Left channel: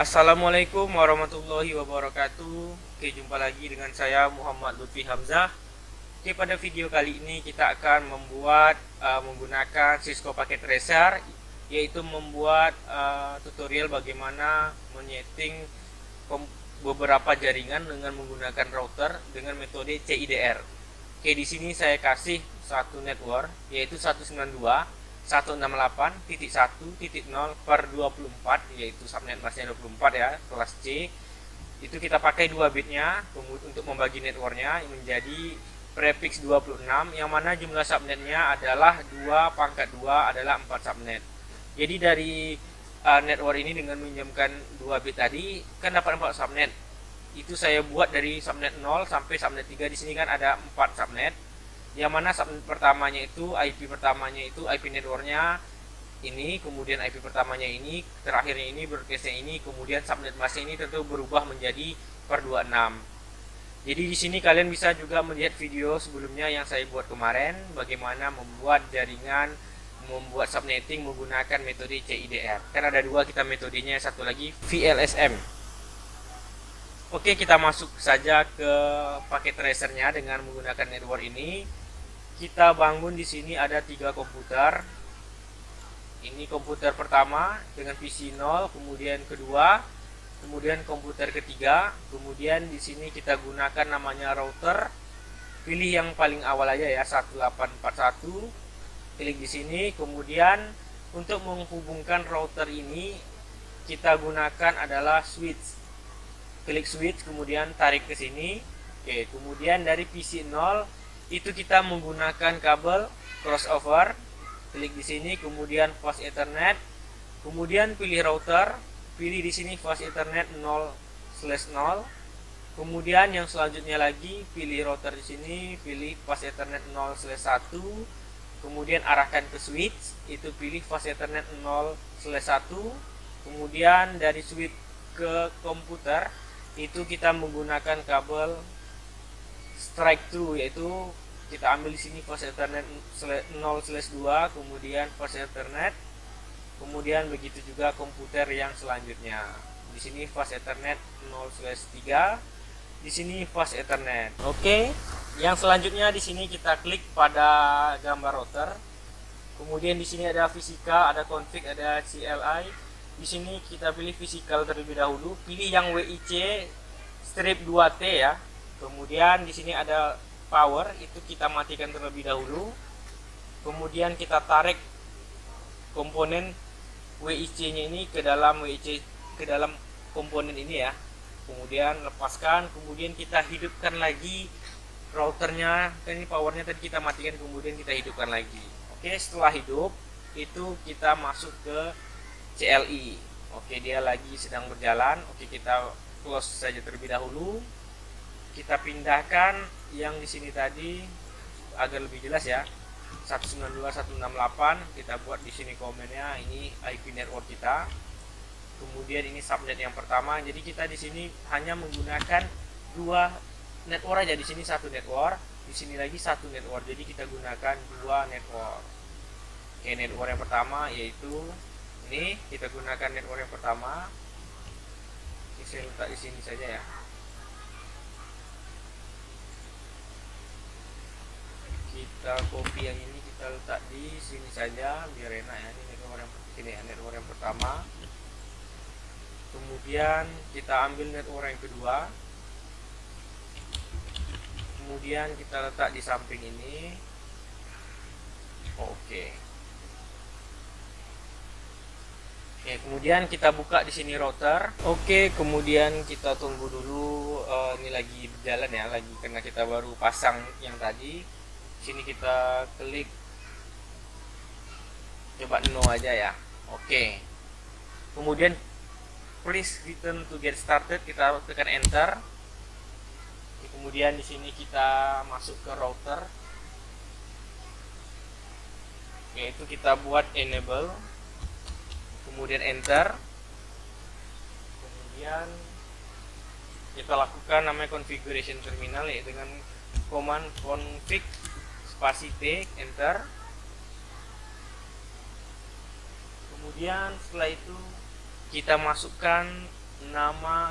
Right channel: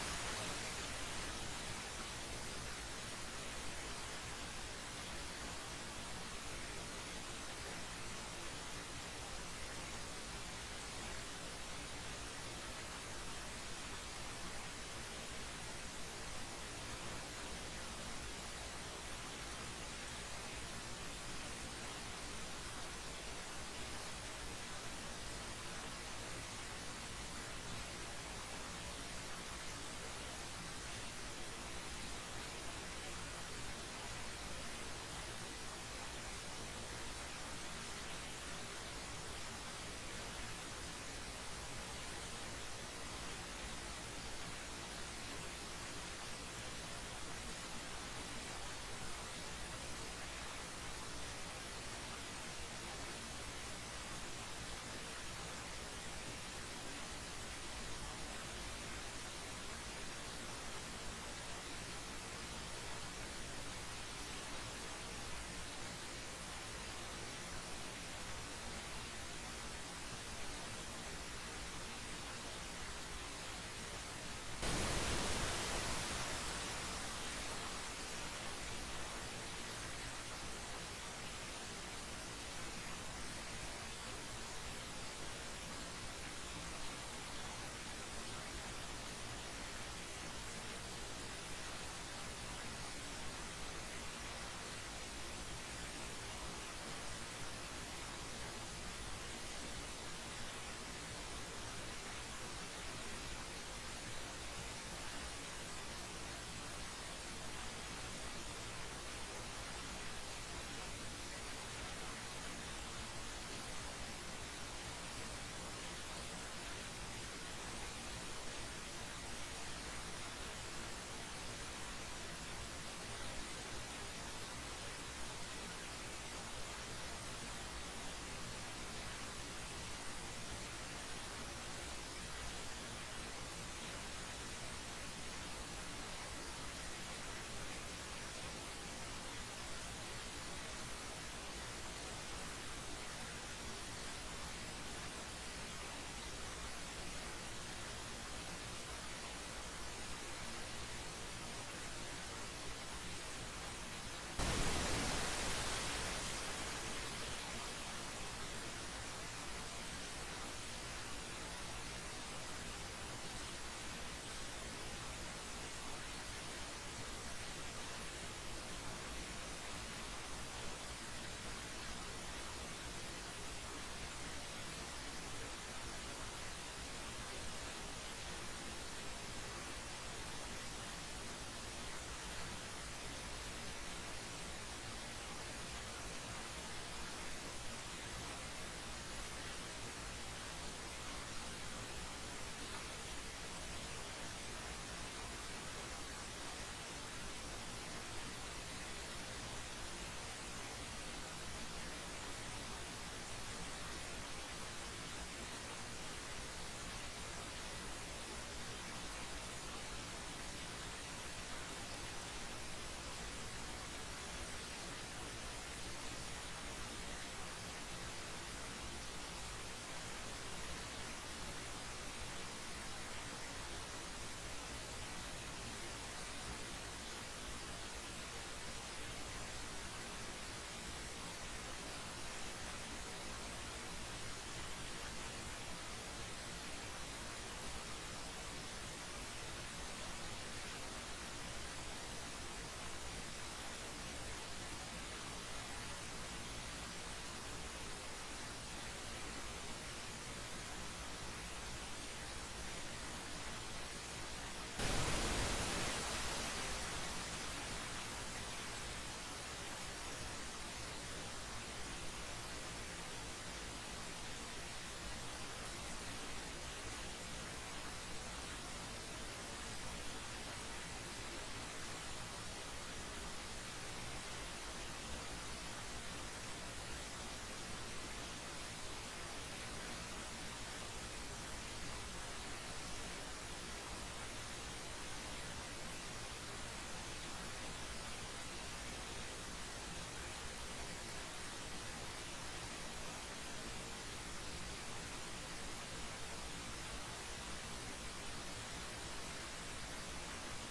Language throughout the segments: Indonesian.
Assalamualaikum warahmatullahi wabarakatuh. Oke, jumpa lagi dengan saya Muhammad Lutfi Hamzah. Oke, pada video kali ini kita akan membuat menggunakan Cisco Packet Tracer, yaitu membuat tutorial bagaimana menyeting beberapa jaringan dengan menggunakan router dengan metode CIDR. Oke, di sini saya kasih satu network yaitu 192.168.1.0/24, yaitu subnet masnya 24 ya, kelas C. Itu kita pakai 2 bitnya untuk membagi networknya menjadi prefix 26, yang mana jumlah subnetnya adalah 2/2 adalah 4 subnet. Jadi dari network ini dengan meminjamkan 2 bit tadi kan dapat 4 subnet. Itu saya buat dari subnet 0 sampai subnet 3. Di sini kan ada 4 subnet, yang mana subnet pertamanya itu IP pertamanya itu IP networknya ini, kemudian IP pertamanya ini, terakhirnya ini, broadcastnya ini, kemudian subnet masnya ini tentu berubah menjadi per 26. Jadi di sini kalian bisa juga melihat video sebelumnya yang saya buat kemarin, bagaimana membuat jaringan, membuat subnetting menggunakan metode CIDR. Kan ada dua kita metodenya, satu lagi VLSM. Oke, kita masuk saja ke paket tracernya dengan menggunakan network ini. Kita bangun di sini ada 3 komputer. Ini komputer pertama dengan PC 0, kemudian kedua, kemudian komputer ketiga, kemudian di sini kita gunakan namanya router. Pilih yang paling awal aja ya, 1841. Klik di sini, kemudian untuk menghubungkan router ini kita gunakan adalah switch. Klik switch, kemudian tarik ke sini. Oke, kemudian dari PC 0 itu kita menggunakan kabel crossover. Klik di sini, kemudian fast ethernet, kemudian pilih router, pilih di sini fast ethernet 0/0. Kemudian yang selanjutnya lagi pilih router di sini, pilih fast ethernet 0/1. Kemudian arahkan ke switch, itu pilih fast ethernet 0/1. Kemudian dari switch ke komputer itu kita menggunakan kabel strike through, yaitu kita ambil di sini fast ethernet 0/2, kemudian fast ethernet, kemudian begitu juga komputer yang selanjutnya. Di sini fast ethernet 0/3, di sini fast ethernet. Oke, yang selanjutnya di sini kita klik pada gambar router. Kemudian di sini ada physical, ada config, ada CLI. Di sini kita pilih physical terlebih dahulu, pilih yang WIC strip 2T ya. Kemudian di sini ada power, itu kita matikan terlebih dahulu. Kemudian kita tarik komponen WIC-nya ini ke dalam komponen ini ya. Kemudian lepaskan, kemudian kita hidupkan lagi routernya. Ini powernya tadi kita matikan, kemudian kita hidupkan lagi. Oke, setelah hidup itu kita masuk ke CLI. Oke, dia lagi sedang berjalan. Oke, kita close saja terlebih dahulu. Kita pindahkan yang di sini tadi agar lebih jelas ya. 192.168 kita buat di sini komennya, ini IP network kita. Kemudian ini subnet yang pertama. Jadi kita di sini hanya menggunakan 2 network aja. Di sini 1 network, di sini lagi 1 network. Jadi kita gunakan 2 network. Oke, network yang pertama yaitu ini, kita gunakan network yang pertama. Ini saya letak di sini saja ya. Kita copy yang ini, kita letak di sini saja biar enak ya. Ini network yang pertama. Kemudian kita ambil network yang kedua, kemudian kita letak di samping ini. Oke, kemudian kita buka di sini router. Oke, kemudian kita tunggu dulu. Ini lagi berjalan ya, lagi karena kita baru pasang yang tadi. Sini kita klik, coba no aja ya. Oke, kemudian please return to get started, kita tekan enter. Kemudian di sini kita masuk ke router, yaitu kita buat enable, kemudian enter. Kemudian kita lakukan namanya configuration terminal, yaitu dengan command config spasi T, enter. Kemudian setelah itu kita masukkan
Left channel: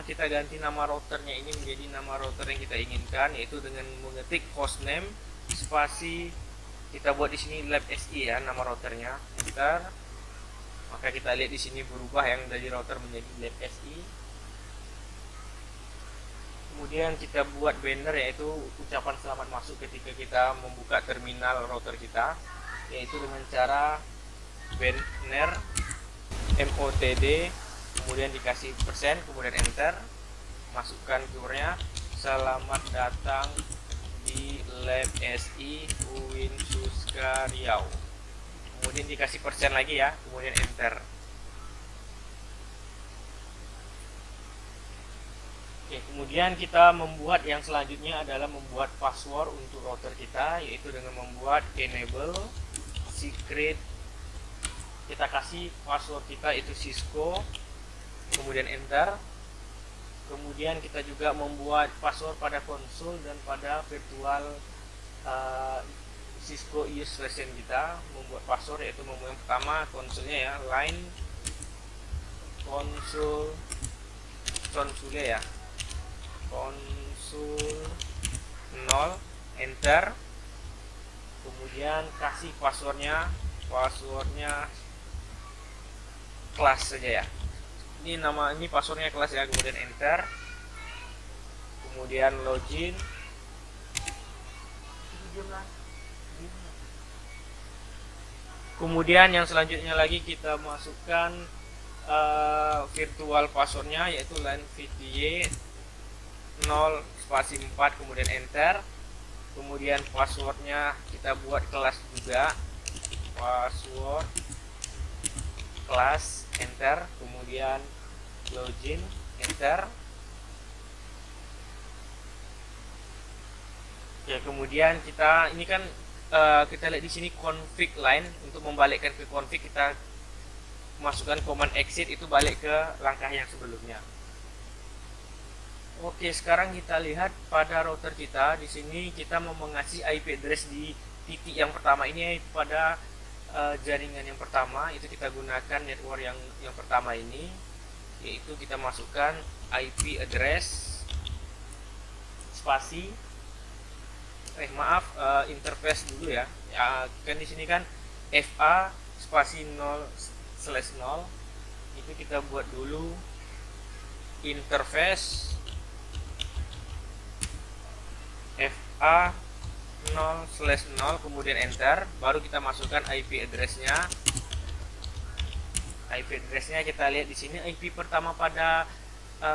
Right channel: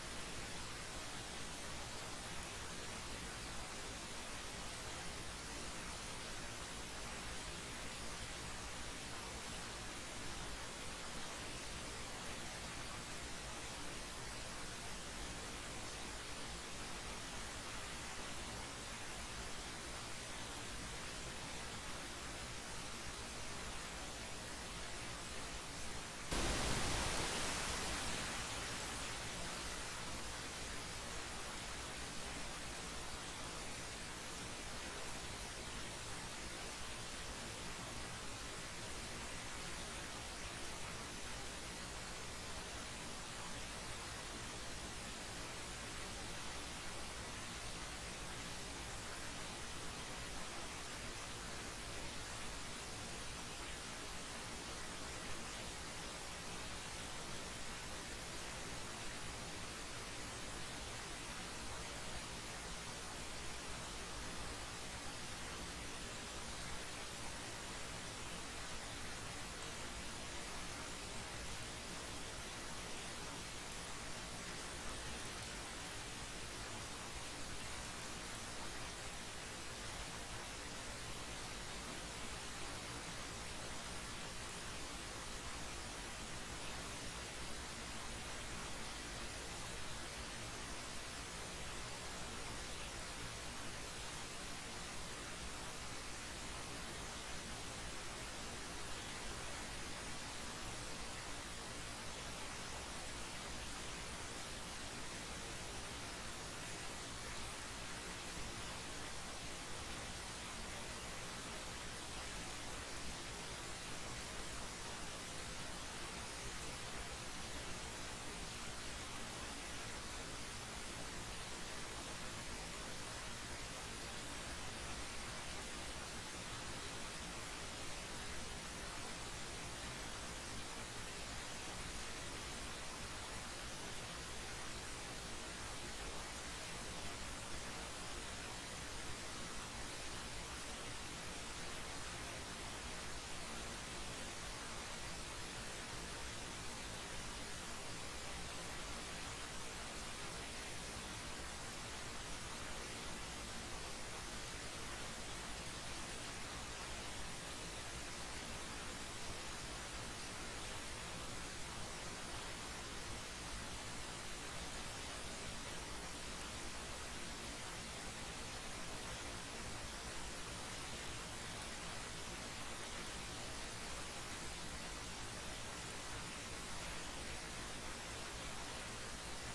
kita ganti nama routernya ini menjadi nama router yang kita inginkan, yaitu dengan mengetik hostname spasi kita buat di sini lab SI ya, nama routernya, enter. Maka kita lihat di sini berubah yang dari router menjadi lab SI. Kemudian kita buat banner, yaitu ucapan selamat masuk ketika kita membuka terminal router kita, yaitu dengan cara banner MOTD, kemudian dikasih persen, kemudian enter, masukkan keywordnya selamat datang di lab SI UIN Suska Riau, kemudian dikasih persen lagi ya, kemudian enter. Oke, kemudian kita membuat yang selanjutnya adalah membuat password untuk router kita, yaitu dengan membuat enable secret. Kita kasih password kita itu Cisco, kemudian enter. Kemudian kita juga membuat password pada konsol dan pada virtual Cisco use version kita. Membuat password yaitu yang pertama konsolnya ya, line konsol ya, konsul 0, enter. Kemudian kasih passwordnya kelas saja ya, ini passwordnya kelas ya, kemudian enter. Kemudian login, kemudian yang selanjutnya lagi kita masukkan virtual passwordnya, yaitu line VDY 0 spasi 4, kemudian enter. Kemudian passwordnya kita buat kelas juga, password kelas, enter. Kemudian login, enter. Ya, kemudian kita ini kan kita lihat di sini config line, untuk membalikkan ke config kita masukkan command exit, itu balik ke langkah yang sebelumnya. Oke, sekarang kita lihat pada router kita. Di sini kita mau mengasih IP address di titik yang pertama ini pada jaringan yang pertama. Itu kita gunakan network yang pertama ini, yaitu kita masukkan IP address spasi interface dulu ya. Kan di sini kan FA spasi 0/0. Itu kita buat dulu interface FA 0/0, kemudian enter. Baru kita masukkan IP addressnya. IP addressnya kita lihat di sini, IP pertama pada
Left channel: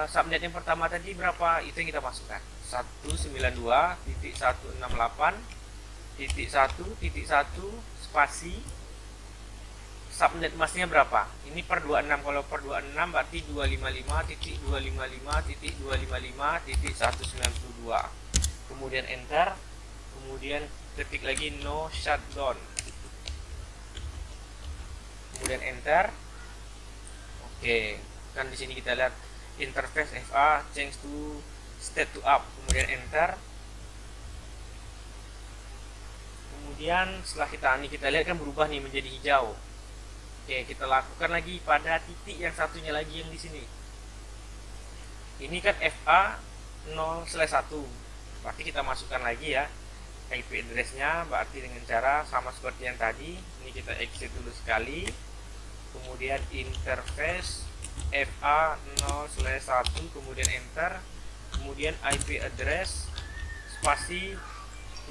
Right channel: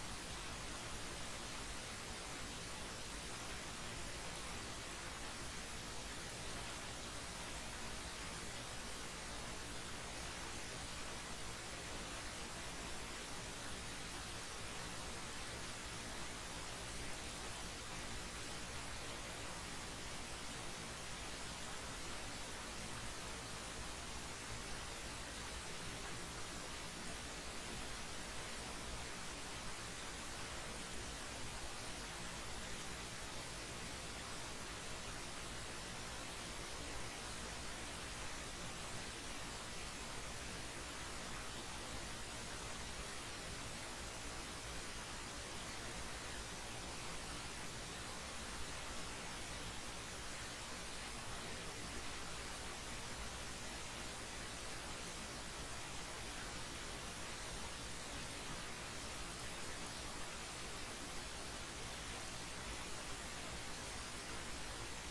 subnet yang pertama tadi berapa, itu yang kita masukkan 192.168.1.1 spasi subnet masnya berapa, ini per 26. Kalau per 26 berarti 255.255.192. kemudian enter. Kemudian ketik lagi no shutdown, kemudian enter. Oke, kan di sini kita lihat interface FA change to state to up, kemudian enter. Kemudian setelah kita lihat kan berubah nih menjadi hijau. Oke, kita lakukan lagi pada titik yang satunya lagi yang di sini. Ini kan FA 0/1, berarti kita masukkan lagi ya IP addressnya, berarti dengan cara sama seperti yang tadi. Ini kita exit dulu sekali, kemudian interface FA 0/1, kemudian enter. Kemudian IP address spasi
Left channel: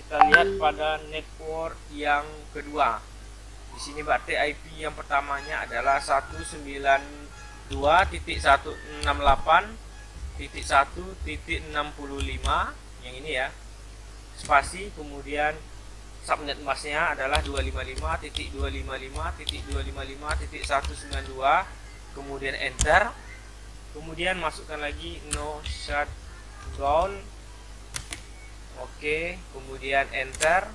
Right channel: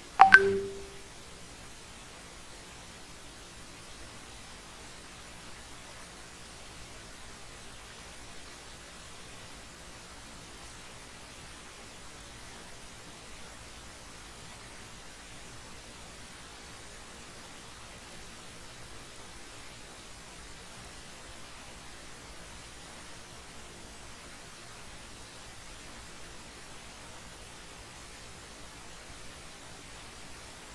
kita lihat pada network yang kedua. Di sini berarti IP yang pertamanya adalah 192.168.1.65 yang ini ya, spasi. Kemudian subnet masknya adalah 255.255.255.192, kemudian enter. Kemudian masukkan lagi no shutdown. Oke, kemudian enter.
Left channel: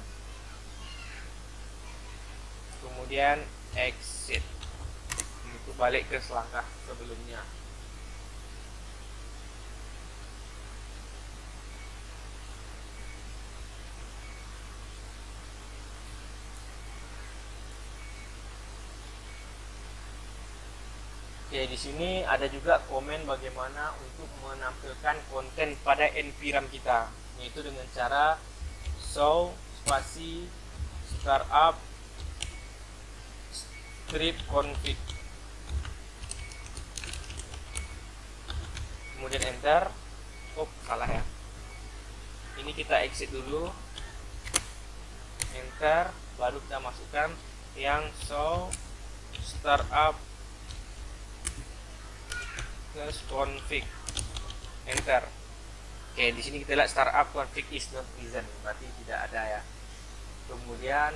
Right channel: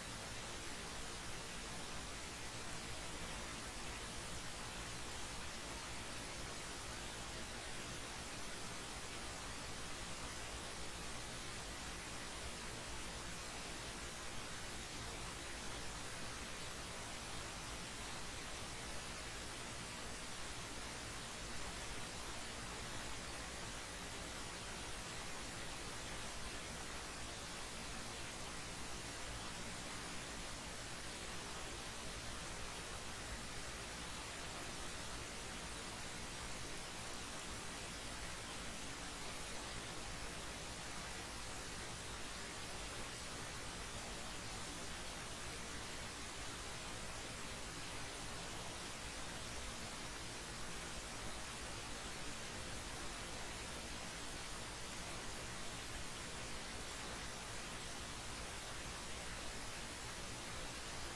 Kemudian exit. Itu balik ke langkah sebelumnya. Oke, di sini ada juga komen bagaimana untuk menampilkan konten pada NVRAM kita, yaitu dengan cara show spasi startup script config, kemudian enter. Oh, salah ya, ini kita exit dulu, enter, baru kita masukkan yang show startup config, enter. Oke, di sini kita lihat startup config is not present, berarti tidak ada ya. Kemudian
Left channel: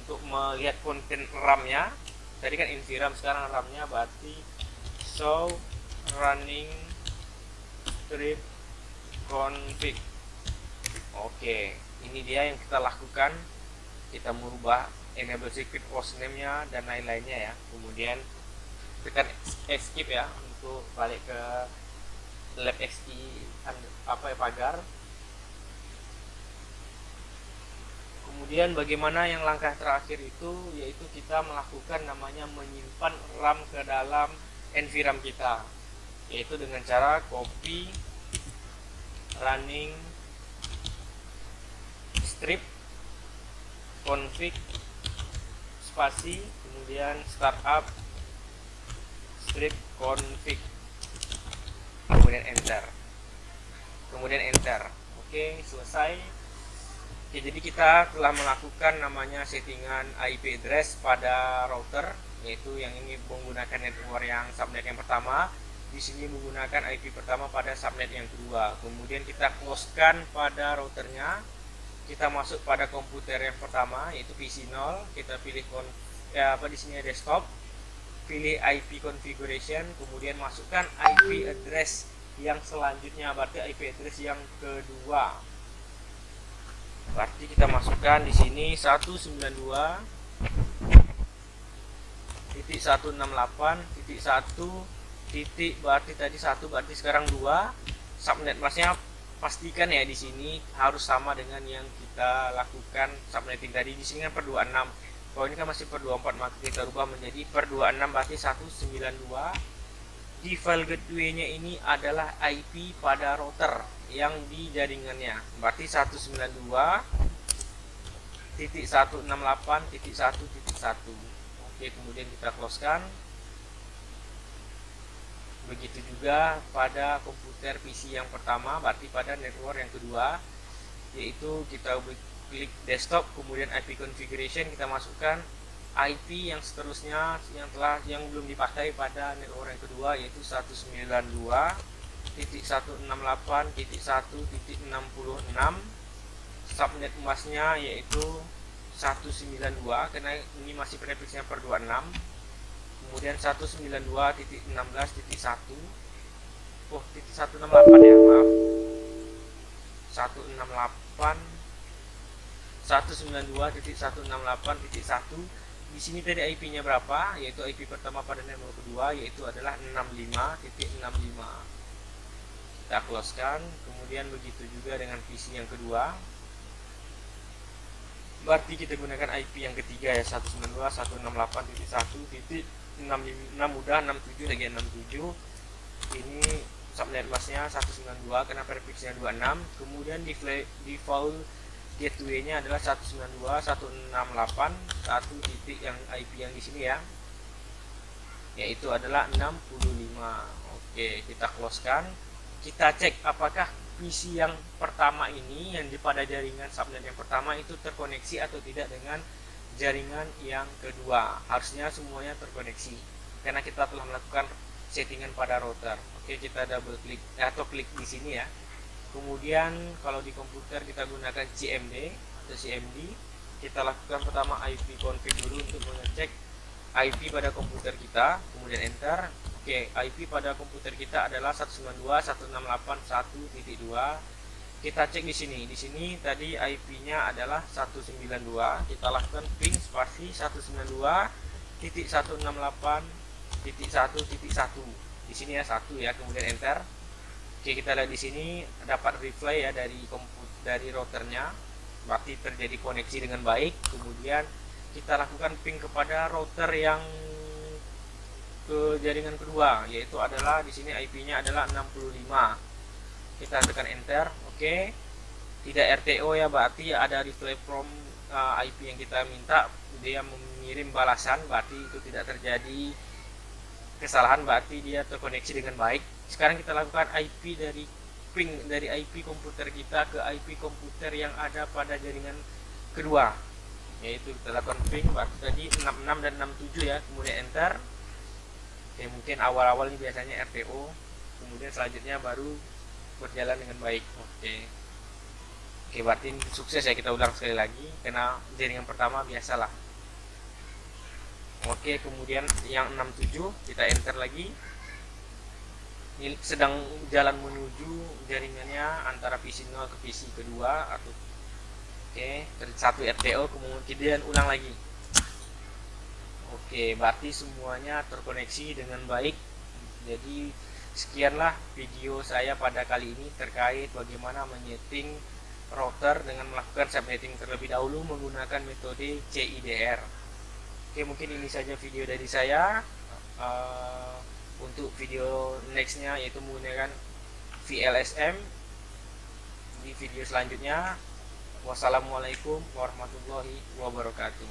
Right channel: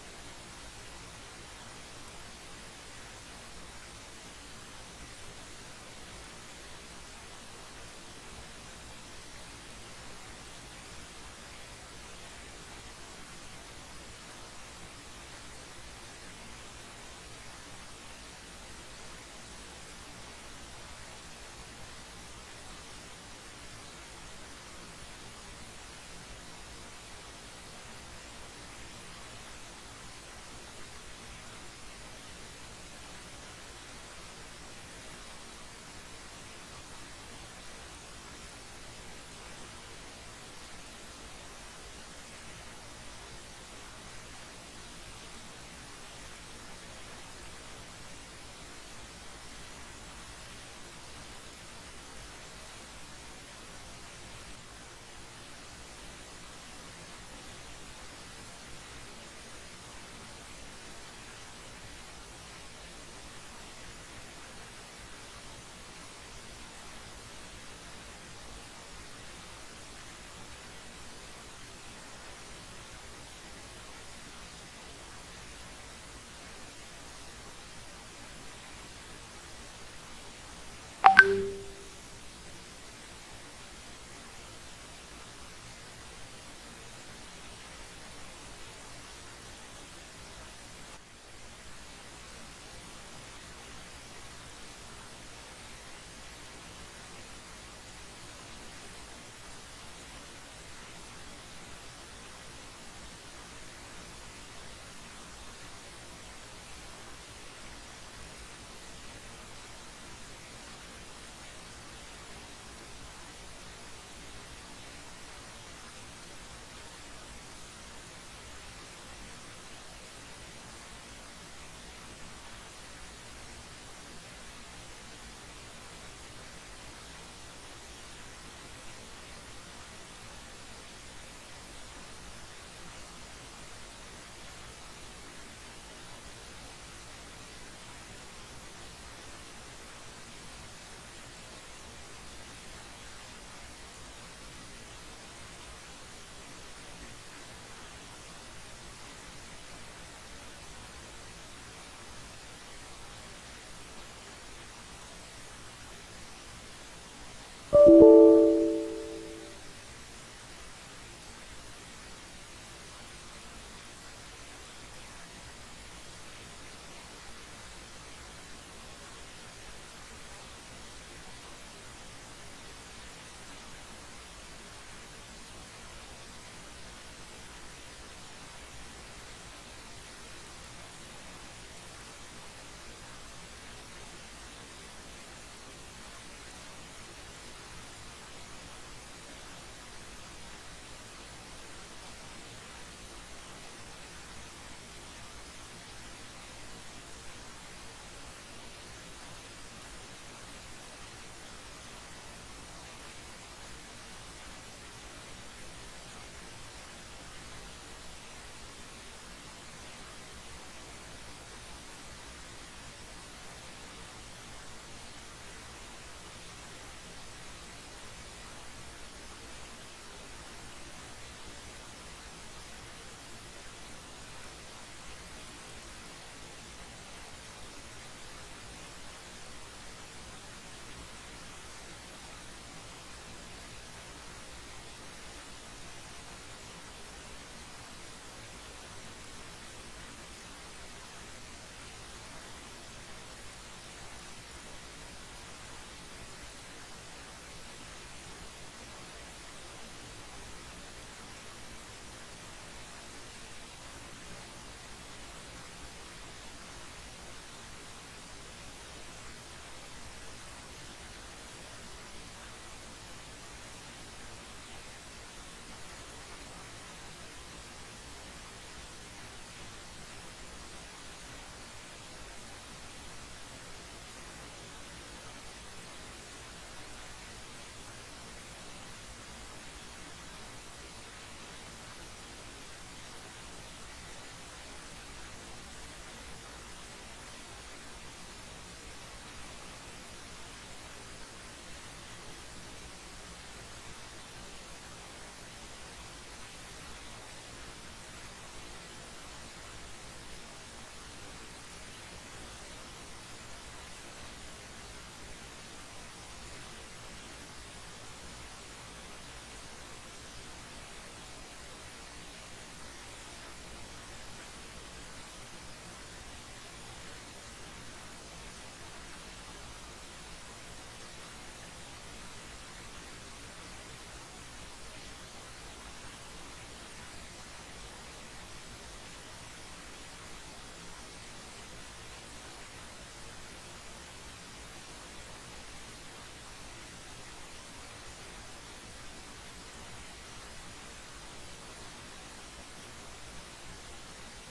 untuk melihat konten RAM-nya, tadi kan NVRAM, sekarang RAM-nya, berarti show running script config. Oke, ini dia yang kita lakukan. Kita merubah enable secret hostname-nya dan lain-lainnya ya. Kemudian tekan escape ya untuk balik ke lab XI pagar. Kemudian bagaimana yang langkah terakhir itu, yaitu kita melakukan namanya menyimpan RAM ke dalam NVRAM kita, yaitu dengan cara copy running script config spasi kemudian startup script config, kemudian enter, Oke, selesai. Oke, jadi kita telah melakukan namanya settingan IP address pada router, yaitu yang ini menggunakan network yang subnet yang pertama, di sini menggunakan IP pertama pada subnet yang kedua. Kemudian kita closekan pada routernya, kita masuk pada komputer yang pertama yaitu PC 0, kita pilih di sini desktop, pilih IP configuration, kemudian masukkan IP address yang selanjutnya, berarti IP address yang kedua. Berarti kita masukkan di sini 192.168.1 titik, berarti tadi 1, berarti sekarang 2. Subnet masknya pastikan ya di sini harus sama dengan yang kita lakukan subnetting tadi. Di sini kan per 26. Kalau ini kan masih per 24, maka kita rubah menjadi per 26, berarti 192. Di file gateway-nya ini adalah IP pada router yang di jaringannya, berarti 192.168.1.1. Oke, kemudian kita closekan. Begitu juga pada komputer PC yang pertama, berarti pada network yang kedua, yaitu kita klik desktop, kemudian IP configuration, kita masukkan IP yang seterusnya yang belum dipakai pada network yang kedua, yaitu 192.168.1.66. subnet masknya yaitu 192 karena ini masih prefixnya per 26. Kemudian 192.16.1, oh titik 168 ya, maaf, 192.168.1. Di sini tadi IP-nya berapa? Yaitu IP pertama pada network kedua, yaitu adalah 65.65. Kita closekan. Kemudian begitu juga dengan PC yang kedua. Berarti kita gunakan IP yang ketiga ya, 192.168.1.66, mudah 67 lagi 67. Ini subnet masknya 192 karena prefixnya 26. Kemudian di default gateway-nya adalah 192.168.1 titik yang IP yang di sini ya, yaitu adalah 65. Oke, kita closekan. Kita cek apakah PC yang pertama ini yang di pada jaringan subnet yang pertama itu terkoneksi atau tidak dengan jaringan yang kedua. Harusnya semuanya terkoneksi karena kita telah melakukan settingan pada router. Oke, kita double klik atau klik di sini ya. Kemudian kalau di komputer kita gunakan CMD atau CMD, kita lakukan pertama IP config dulu untuk mengecek IP pada komputer kita, kemudian enter. Oke, IP pada komputer kita adalah 192.168.1.2. Kita cek di sini. Di sini tadi IP-nya adalah 192. Kita lakukan ping spasi 192.168.1.1. Di sini ya 1 ya, kemudian enter. Oke, kita lihat di sini dapat reply ya dari routernya, berarti terjadi koneksi dengan baik. Kemudian kita lakukan ping kepada router yang ke jaringan kedua, yaitu adalah di sini IP-nya adalah 65. Kita tekan enter. Oke. Tidak RTO ya, berarti ada reply from IP yang kita minta, dia mengirim balasan, berarti itu tidak terjadi kesalahan, berarti dia terkoneksi dengan baik. Sekarang kita lakukan IP dari ping dari IP komputer kita ke IP komputer yang ada pada jaringan kedua, yaitu kita lakukan ping berarti tadi 66 dan 67 ya, kemudian enter. Ya, mungkin awal-awal ini biasanya RTO, kemudian selanjutnya baru berjalan dengan baik. Oke, berarti ini sukses ya. Kita ulang sekali lagi karena jaringan pertama biasalah. Oke, kemudian yang 67 kita enter lagi. Ini sedang jalan menuju jaringannya antara PC 0 ke PC kedua atau satu RTO, kemudian ulang lagi. Oke, berarti semuanya terkoneksi dengan baik. Jadi sekianlah video saya pada kali ini terkait bagaimana menyeting router dengan melakukan subnetting terlebih dahulu menggunakan metode CIDR. Oke, mungkin ini saja video dari saya. Untuk video nextnya yaitu menggunakan VLSM di video selanjutnya. Wassalamualaikum warahmatullahi wabarakatuh.